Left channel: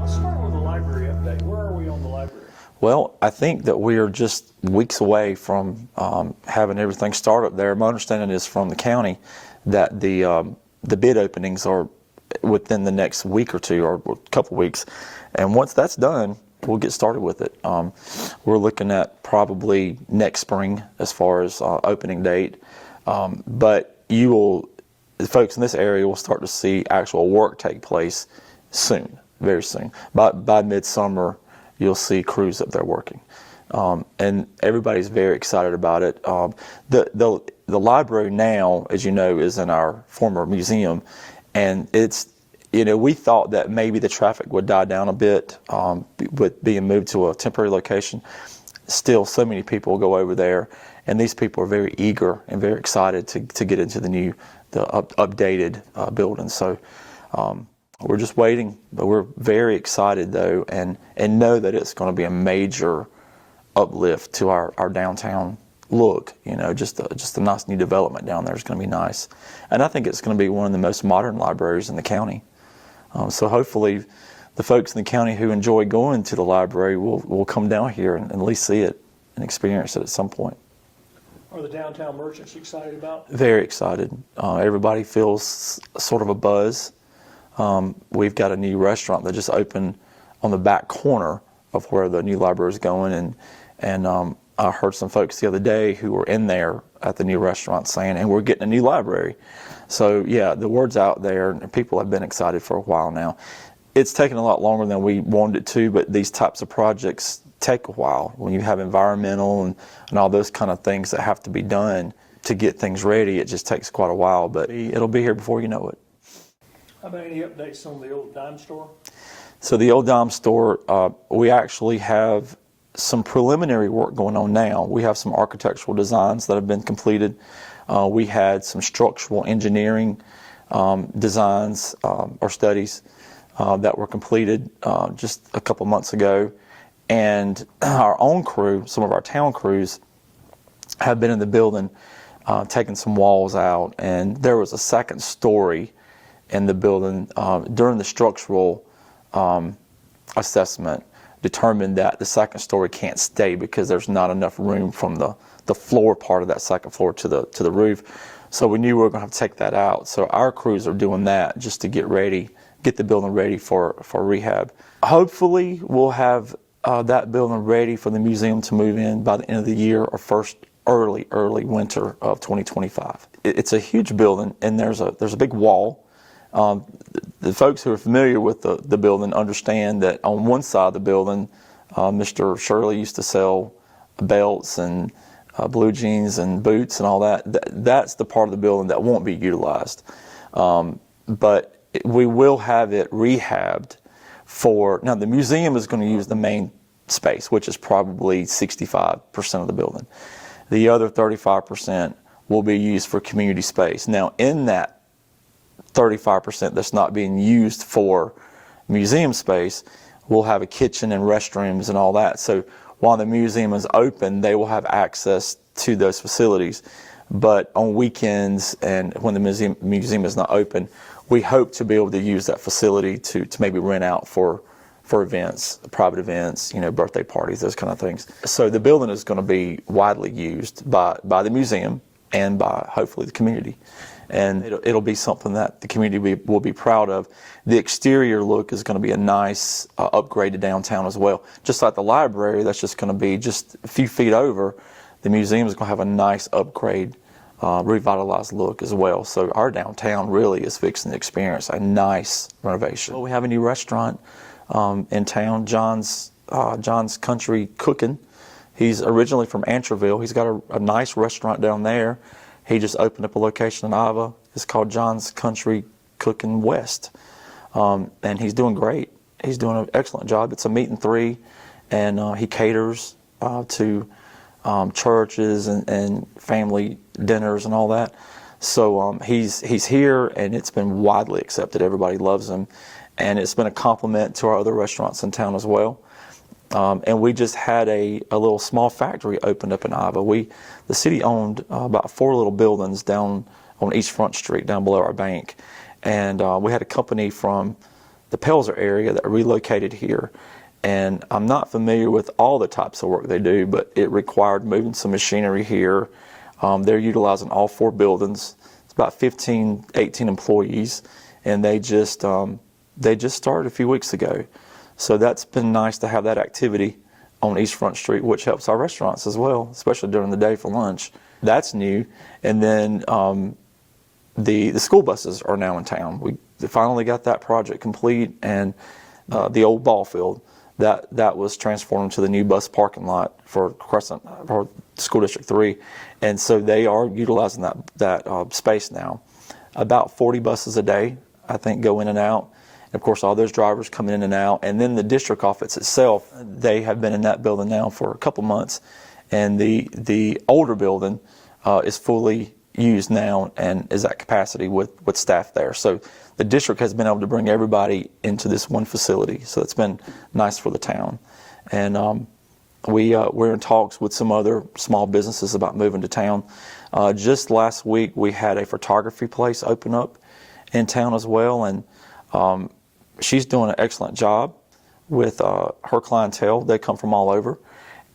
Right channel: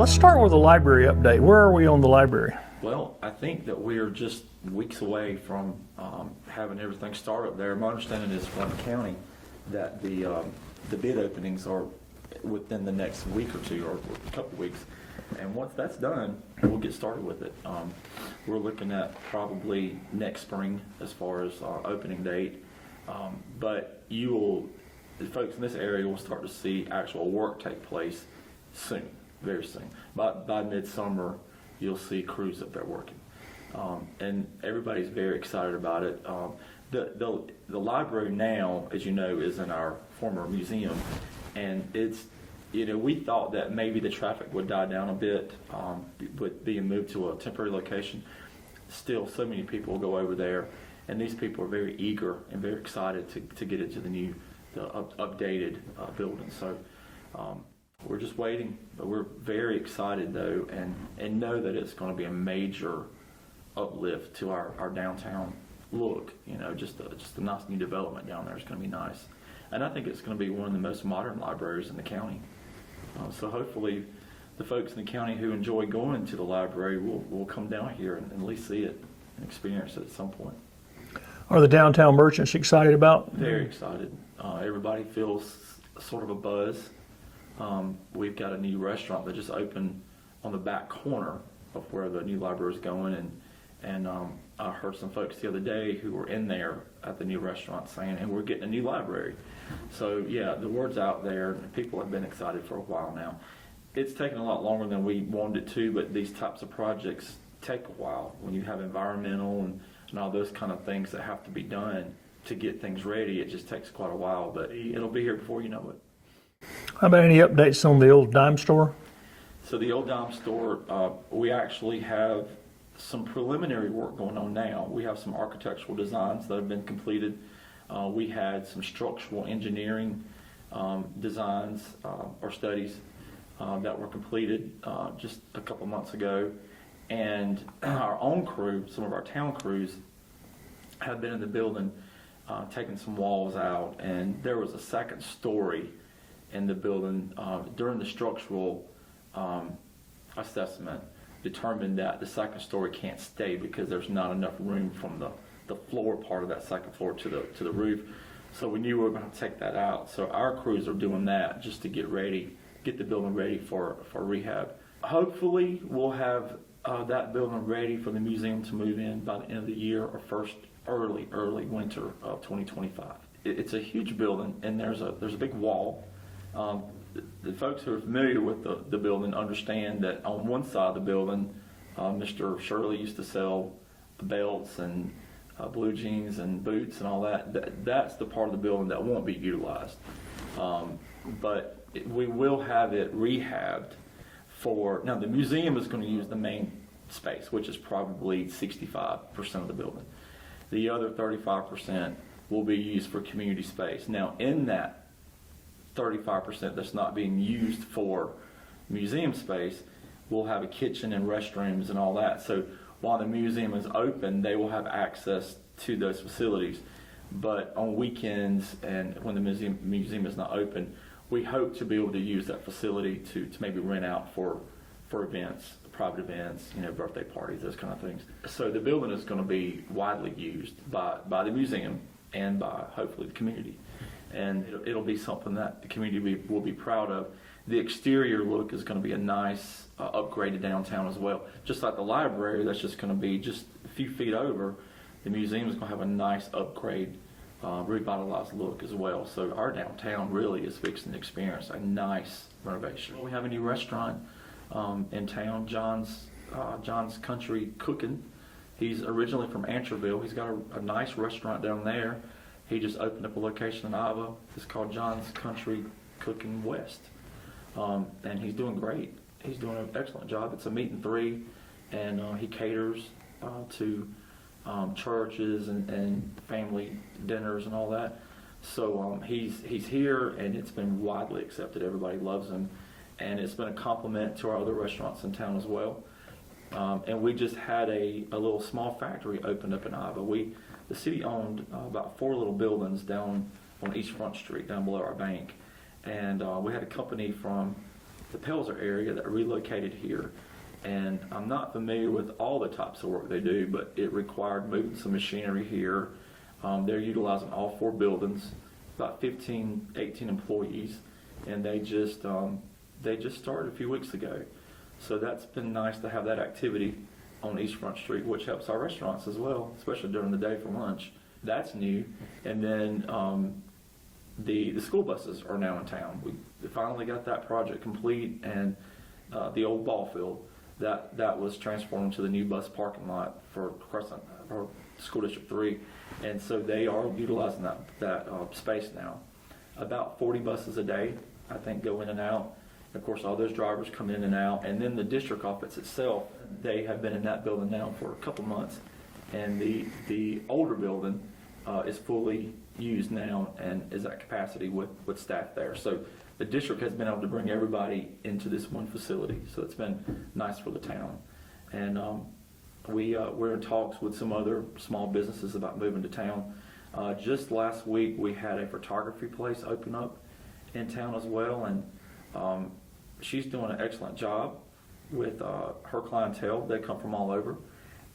Let's start with the library update. Where are we on the library? Well, I think that we are just weeks away from having everything start up there. My understanding is from the county that the bid openings are within the next week or two, or a couple weeks. And once that's done, we'll get started with it. We're looking at probably next spring as far as opening date. But the folks in this area will start to see actual work take place soon, very soon. By midsummer, you'll see crews up there working. And everybody's very excited about it. The library now, as you know, is in our former museum, and it's, we thought that maybe the traffic would die down a bit with being moved to a temporary location. Still, so many people go over there, and these people are very eager and very excited to get into the updated building. So we're just waiting, but we're very excited though, and know that it's going to be a major uplift to our downtown look. Just a nice new development down there is going to be nice, and I think it's going to be one of the most modern libraries in the county. So hopefully, the folks in the county who enjoy going to the library will come down here and at least see it and experience it at some point. Are the downtown merchants excited about? Very excited. Everybody feels sort of a buzz. We've got a new restaurant that just opened on the back corner of where the new library is going, and I heard some folks the other day who were in there at the new restaurant saying, and we're getting a new library. So yeah, the word's out there, and people have been excited for a while now. It's taken a lot longer than we wanted it to, but these types of projects take a while. When you have environmental and all those kind of things that have to be done to get things ready, it just takes quite a while, but it'll be here before you know it. How about any updates on the old dime store? So the old dime store, we actually have some preliminary work going on now. We have some architectural designs that have been completed. We had some structural engineering designs or studies that were completed just a couple months ago. And our own crew, some of our town crews, have been in the building taking some walls out. And there was a second story in the building during the structural assessment, determined that the second story can't stay because there's not enough room from the floor part of that second floor to the roof. So we knew we were going to have to take that out. So our crews are doing that just to get the building ready for rehab. Hopefully we'll have that building ready for the museum to move in by the end of the year or first early winter of 2025. It's a huge building, and there's a big wall. The folks who are familiar with the building understand that on one side of the building, Mr. Shirley used to sell belts and blue jeans and boots and all that. That's the part of the building that won't be utilized. But we will have it rehabbed now the museum is going to use the main space, which is probably 65% of the building. The other 35% will be used for community space. Now in that 35% that's not being used for museum space, we'll have a kitchen and restrooms and all that. So while the museum is open, they will have access to those facilities. But on weekends and when the museum is not open, we hope to be able to use that facility to maybe rent out for events, private events, birthday parties, those kind of things. So the building is going to be widely used by the museum and by hopefully the community. And it'll be something that the community will be proud of. The exterior look is going to be a nice upgrade to downtown as well. Just like the library, that's just going to be just a few feet over. The museum is going to have a nice upgrade, revitalized look as well. So our downtown really is fixing to experience a nice renovation. Well, we have a new restaurant in town, John's Country Cooking. He's originally from Antroville. He's got a nice restaurant down there. He just opened up a location in Ava. It's called John's Country Cooking West. And he's doing great. He's doing an excellent job. It's a meat and three, and he caters to churches and family dinners and all that. So he's here, and it's been widely accepted. Everybody loves him. And it's been a compliment to our other restaurants in town as well. And we just had a little small factory opened up in Ava. The city owned about 4 little buildings down on East Front Street, down below our bank. And we had a company from the Pelzer area that relocated here. And I'm not familiar with all the types of work they do, but it required moving some machinery here. They're utilizing all 4 buildings. It's about 15, 18 employees, and they just started a few weeks ago. So that's been nice to have that activity on East Front Street, which helps our restaurants as well, especially during the day for lunch. That's new. And then the school buses are now in town. We finally got that project complete, and the old ball field that was transformed to the new bus parking lot for Crescent, for School District 3, and so they are utilizing that space now. About 40 buses a day, I think, go in and out. And of course, all those drivers come in and out. And then the district office itself, they have been in that building now for a couple months, and the older building is fully used now and is at capacity with staff there. So the district has been able to bring everybody into this one facility. So it's been nice for the town. And we're in talks with some other small businesses about moving to town. Just last week, we had a photography place open up in town as well. And she's doing an excellent job with her clientele. They come from all over.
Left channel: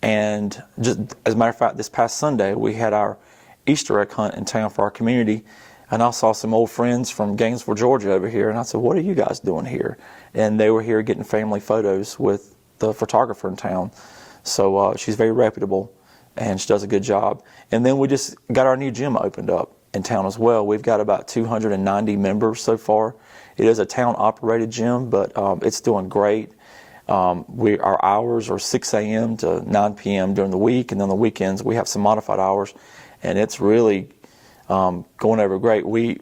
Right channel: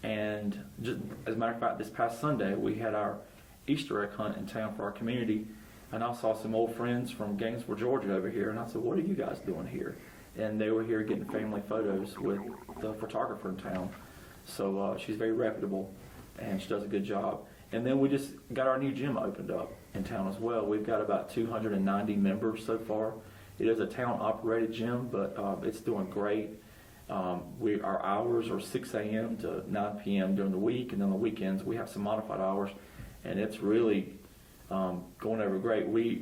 And just as a matter of fact, this past Sunday, we had our Easter egg hunt in town for our community, and I saw some old friends from Gainesville, Georgia over here, and I said, what are you guys doing here? And they were here getting family photos with the photographer in town. So she's very reputable, and she does a good job. And then we just got our new gym opened up in town as well. We've got about 290 members so far. It is a town-operated gym, but it's doing great. Our hours are 6 a.m. to 9 p.m. during the week, and then the weekends we have some modified hours. And it's really going over great. We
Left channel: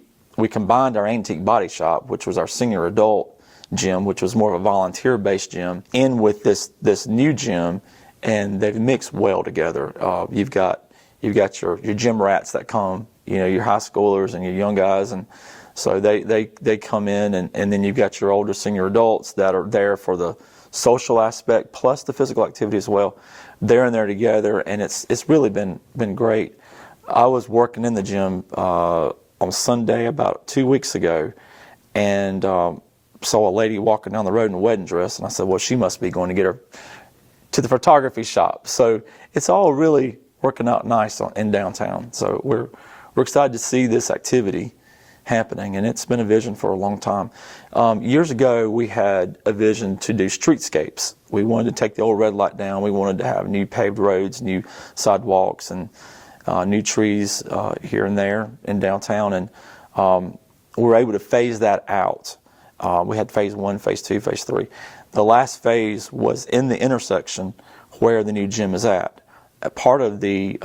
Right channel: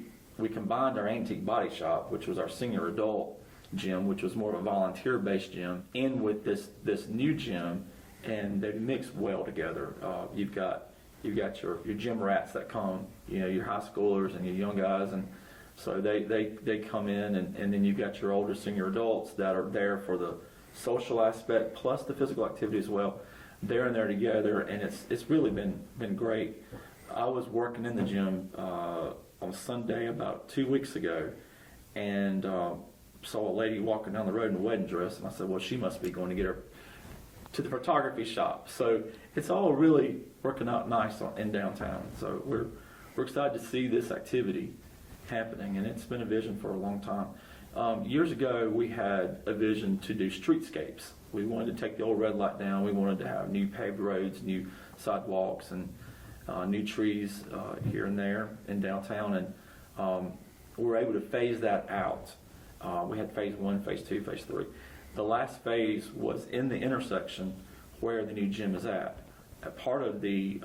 combined our Antique Body Shop, which was our senior adult gym, which was more of a volunteer-based gym, in with this new gym, and they've mixed well together. You've got your gym rats that come, your high schoolers and your young guys, and so they come in, and then you've got your older senior adults that are there for the social aspect plus the physical activity as well. They're in there together, and it's really been great. I was working in the gym on Sunday about 2 weeks ago, and saw a lady walking down the road in a wedding dress, and I said, well, she must be going to get her to the photography shop. So it's all really working out nice in downtown. So we're excited to see this activity happening, and it's been a vision for a long time. Years ago, we had a vision to do streetscapes. We wanted to take the old red light down. We wanted to have new paved roads, new sidewalks, and new trees here and there in downtown, and we were able to phase that out. We had phase 1, phase 2, phase 3. The last phase was in the intersection where the new gym is at. A part of the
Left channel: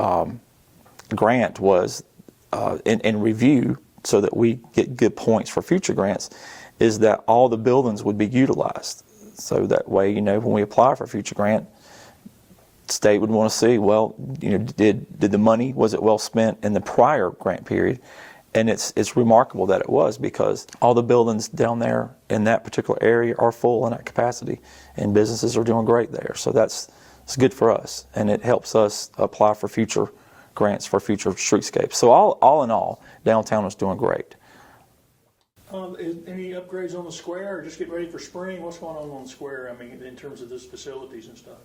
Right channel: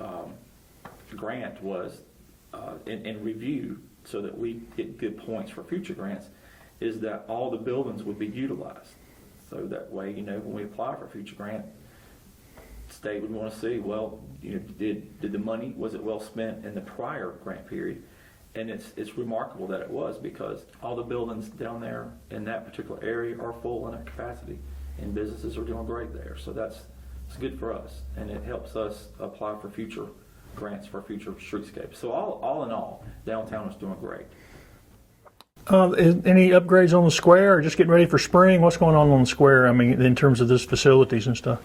grant was in review, so that we get good points for future grants, is that all the buildings would be utilized. So that way, when we apply for a future grant, state would want to see, well, did the money, was it well spent in the prior grant period? And it's remarkable that it was, because all the buildings down there in that particular area are full and at capacity, and businesses are doing great there. So it's good for us, and it helps us apply for future grants for future streetscapes. So all in all, downtown is doing great. Any upgrades on the square, or just getting ready for spring? What's going on the square? I mean, in terms of those facilities and stuff.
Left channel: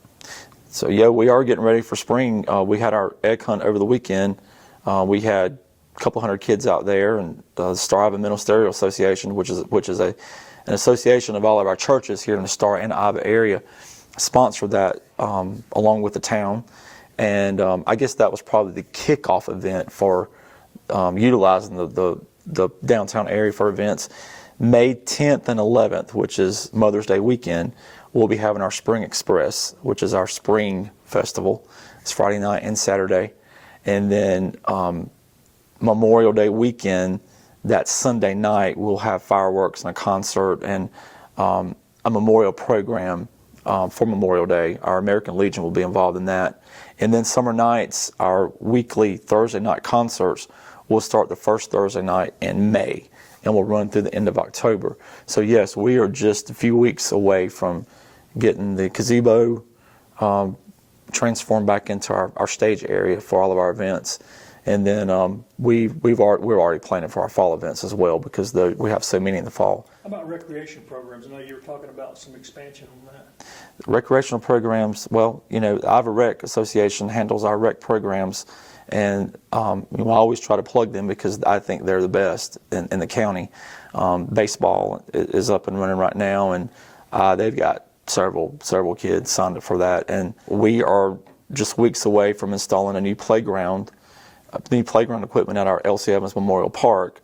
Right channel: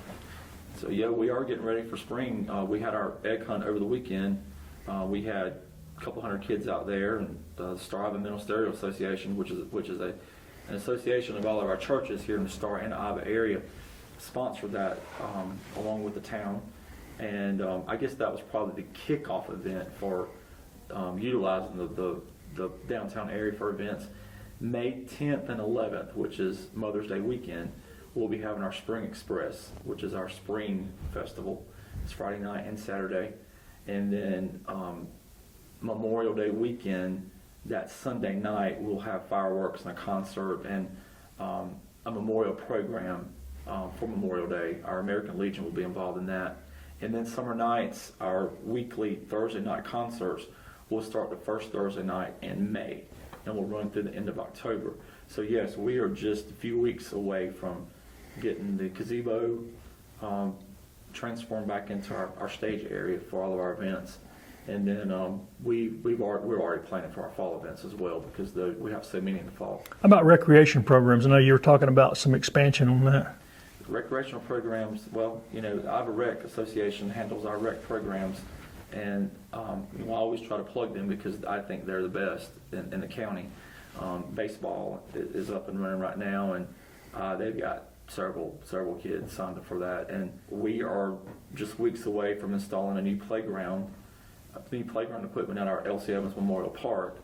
So yeah, we are getting ready for spring. We had our egg hunt over the weekend. We had a couple hundred kids out there, and the Star Iba Ministerial Association, which is an association of all of our churches here in the Star and Iba area, sponsored that along with the town. And I guess that was probably the kickoff event for utilizing the downtown area for events. May 10th and 11th, which is Mother's Day weekend, we'll be having our Spring Express, which is our spring festival. It's Friday night and Saturday. And then Memorial Day weekend, that Sunday night, we'll have fireworks and a concert and a memorial program for Memorial Day. Our American Legion will be involved in that. And then summer nights, our weekly Thursday night concerts will start the first Thursday night in May, and will run through the end of October. So yes, we are just a few weeks away from getting the gazebo transformed back into our stage area for all of our events. And then we're already planning for our fall events as well because we have so many in the fall. How about recreation programs? I know you were talking about some expansion on that. Recreational programs, well, the Ivor Rec Association handles our rec programs, and I always try to plug them because I think they're the best in the county. Baseball is up and running right now, and they've got several kids signed up for that. And we are just weeks away from installing a new playground equipment at our L.C. Evans Memorial Park.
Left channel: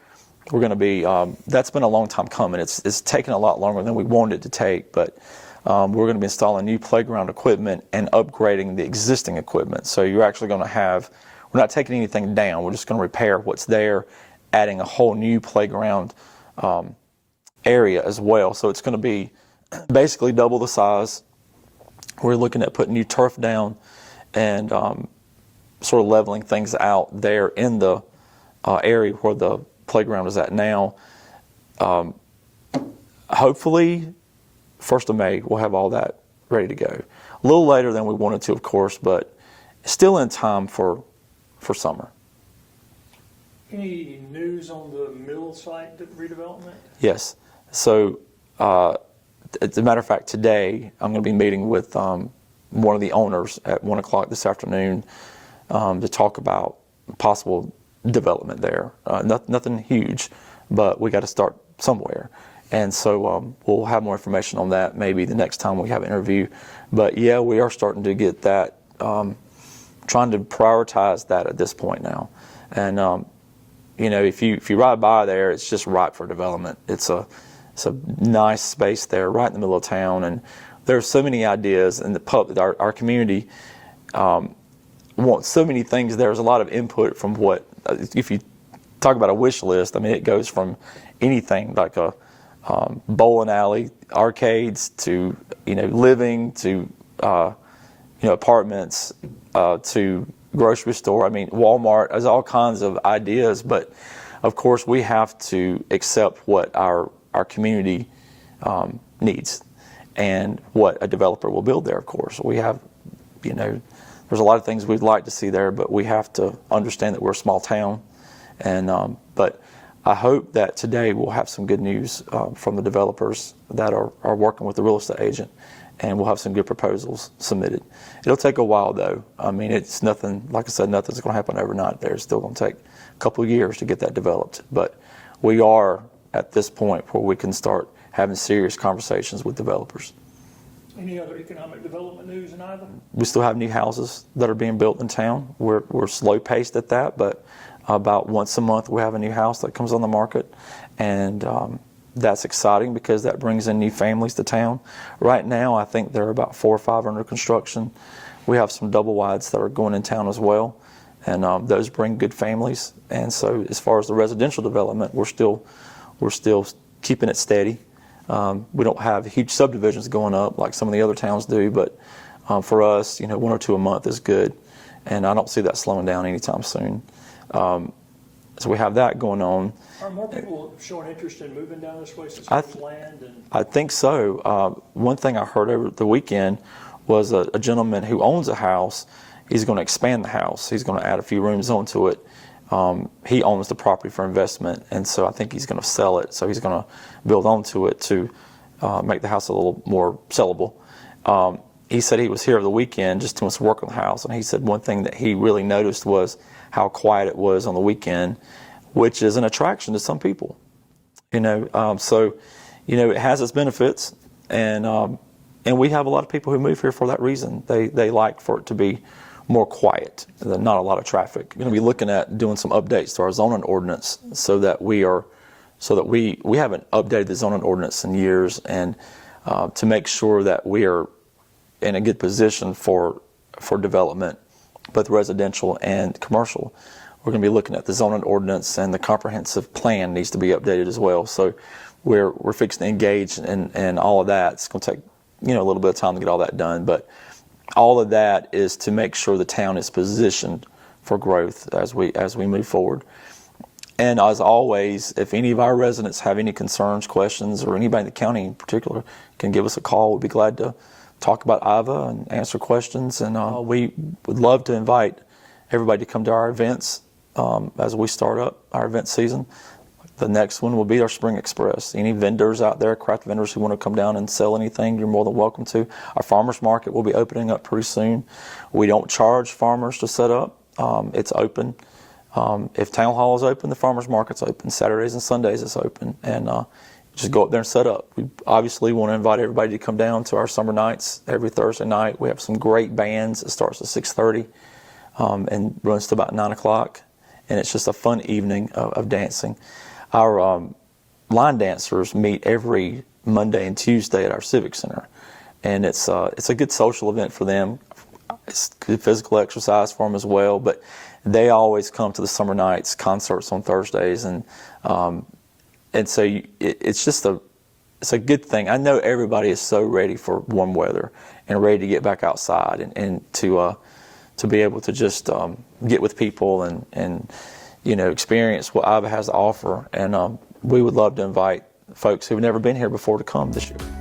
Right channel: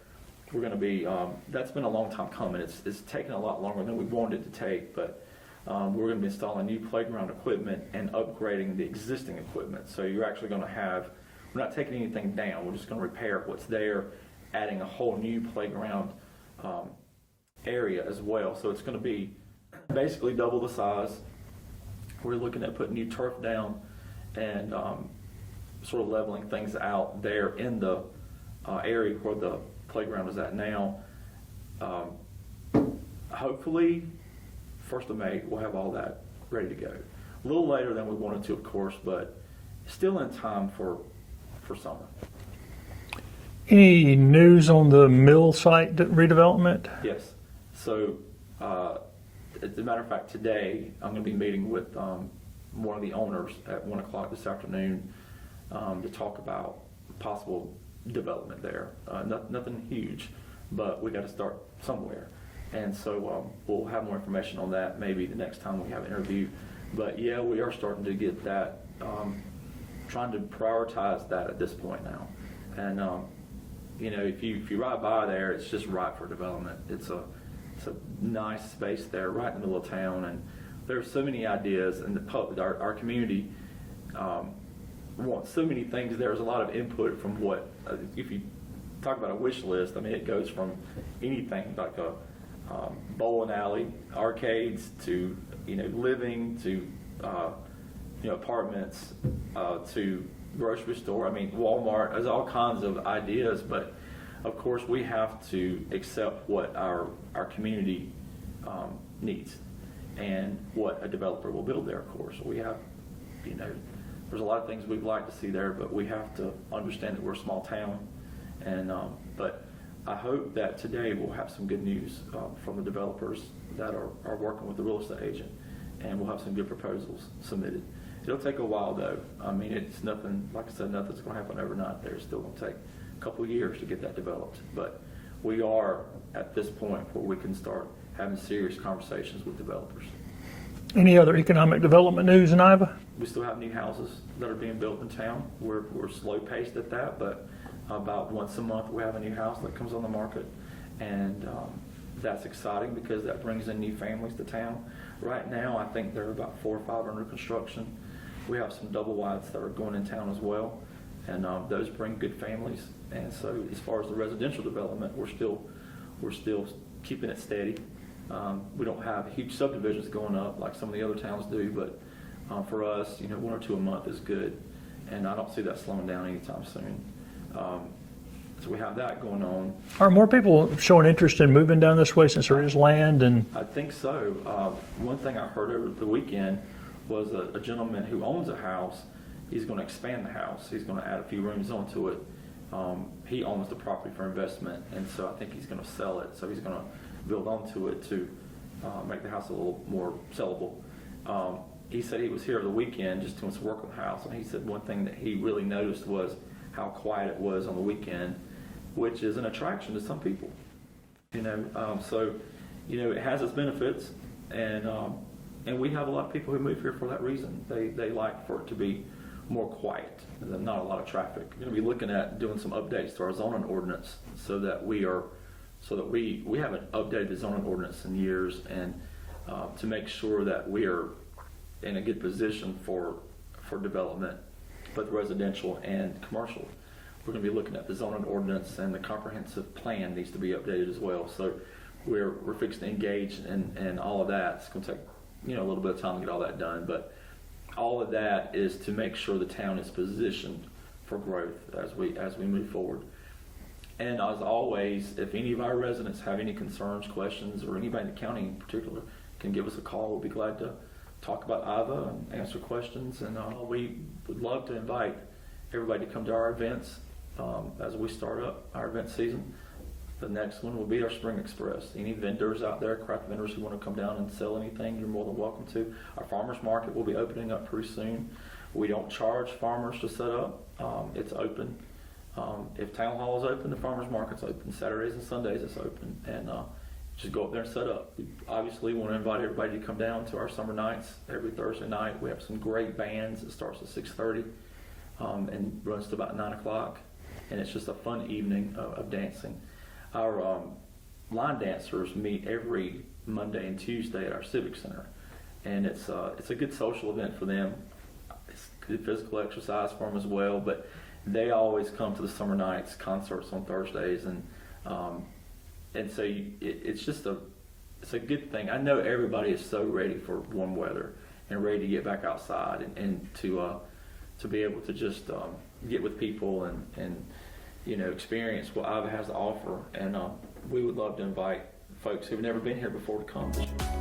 We're going to be, that's been a long time coming. It's taken a lot longer than we wanted it to take, but we're going to be installing new playground equipment and upgrading the existing equipment. So you're actually going to have, we're not taking anything down, we're just going to repair what's there, adding a whole new playground area as well. So it's going to be basically double the size. We're looking at putting new turf down and sort of leveling things out there in the area where the playground is at now. Hopefully, 1st of May, we'll have all that ready to go. A little later than we wanted to, of course, but still in time for summer. Any news on the mill site redevelopment? Yes. So, as a matter of fact, today I'm going to be meeting with one of the owners at 1 o'clock this afternoon to talk about possible development there. Nothing huge, but we got to start somewhere. And so we'll have more information on that maybe the next time we have an interview. But yeah, we are starting to get that, trying to prioritize that at this point now. And if you ride by there, it's just ripe for development. It's a nice space there, right in the middle of town, and there's so many ideas. And our community wants so many things. There's a lot of input from what, if you talk about a wish list, I mean, it goes from anything like a bowling alley, arcades, to living, to apartments, to grocery store. I mean, Walmart. There's all kinds of ideas, but of course we have to accept what our community needs and what a developer will build there. Of course, we have, there's a lot of things we'd like to see there, but we have to understand that we're a small town. And but I hope that today we'll have some good news from the developers that are working with the real estate agent, and we'll have some good proposals submitted. It'll take a while, though. I mean, it's nothing, like I said, nothing's going to happen overnight there. It's still going to take a couple of years to get that developed. But we are at this point where we can start having serious conversations with developers. Any other economic development news in Iva? We still have new houses that are being built in town. We're slow-paced at that, but about once a month we have a new house that comes on the market, and that's exciting because that brings in new families to town. Right now I think there are about 4 or 5 under construction. We have some double wides that are going in town as well, and those bring good families. And so as far as the residential development, we're still keeping it steady. We don't have huge subdivisions going up like some of the other towns do, but for us, 1 or 2 a month is good, and I don't see that slowing down anytime soon. So we have that going on. Are more people showing interest in moving down this way since there is land? And I think so. One thing I heard over the weekend was a gentleman who owns a house. He's going to expand the house. He's going to add a few rooms onto it. He owns the property for investment, and so I think he's going to sell it. So he's going to build onto it to make the house a little more sellable. He said he was here over the weekend just doing some work on the house, and he said one thing that he really noticed was how quiet it was on the weekend, which is an attraction to some people. So it has its benefits, and we have a lot of people who move here for that reason. They like for it to be more quiet, not a lot of traffic. We're going to be looking at doing some updates to our zoning ordinance so that we haven't updated the zoning ordinance in years, and to make sure that we are in a good position for development, both residential and commercial. We're going to be looking at the zoning ordinance, and the comprehensive plan needs to be updated as well. So we're fixing to engage in all of that. It's going to take a little bit of time to get all that done, but all of that is to make sure the town is positioned for growth as we move forward. And as always, if any of our residents have any concerns, questions, or anybody in the county in particular can give us a call, we'd be glad to talk about Iva and answer questions. And we would love to invite everybody to come to our events as we start up our event season. The next one will be our Spring Express. Any vendors out there, craft vendors who want to come down and sell anything, you're more than welcome to. Our farmers market will be opening up pretty soon. We don't charge farmers to set up. It's open. If town hall is open, the farmers market's open. Saturdays and Sundays it's open. And just go up there and set up. We obviously want to invite everybody to come down to our summer nights every Thursday night. We have some great bands. It starts at 6:30 and runs to about 9 o'clock. And it's just a fun evening of dancing. Our line dancers meet every Monday and Tuesday at our Civic Center, and it's a good social event for them. It's good physical exercise for them as well. But they always come to the summer nights concerts on Thursdays, and so it's just it's a good thing. I know everybody is so ready for warm weather and ready to get back outside and to be able to just get with people and experience what IVA has to offer. And we would love to invite folks who've never been here before to come this year.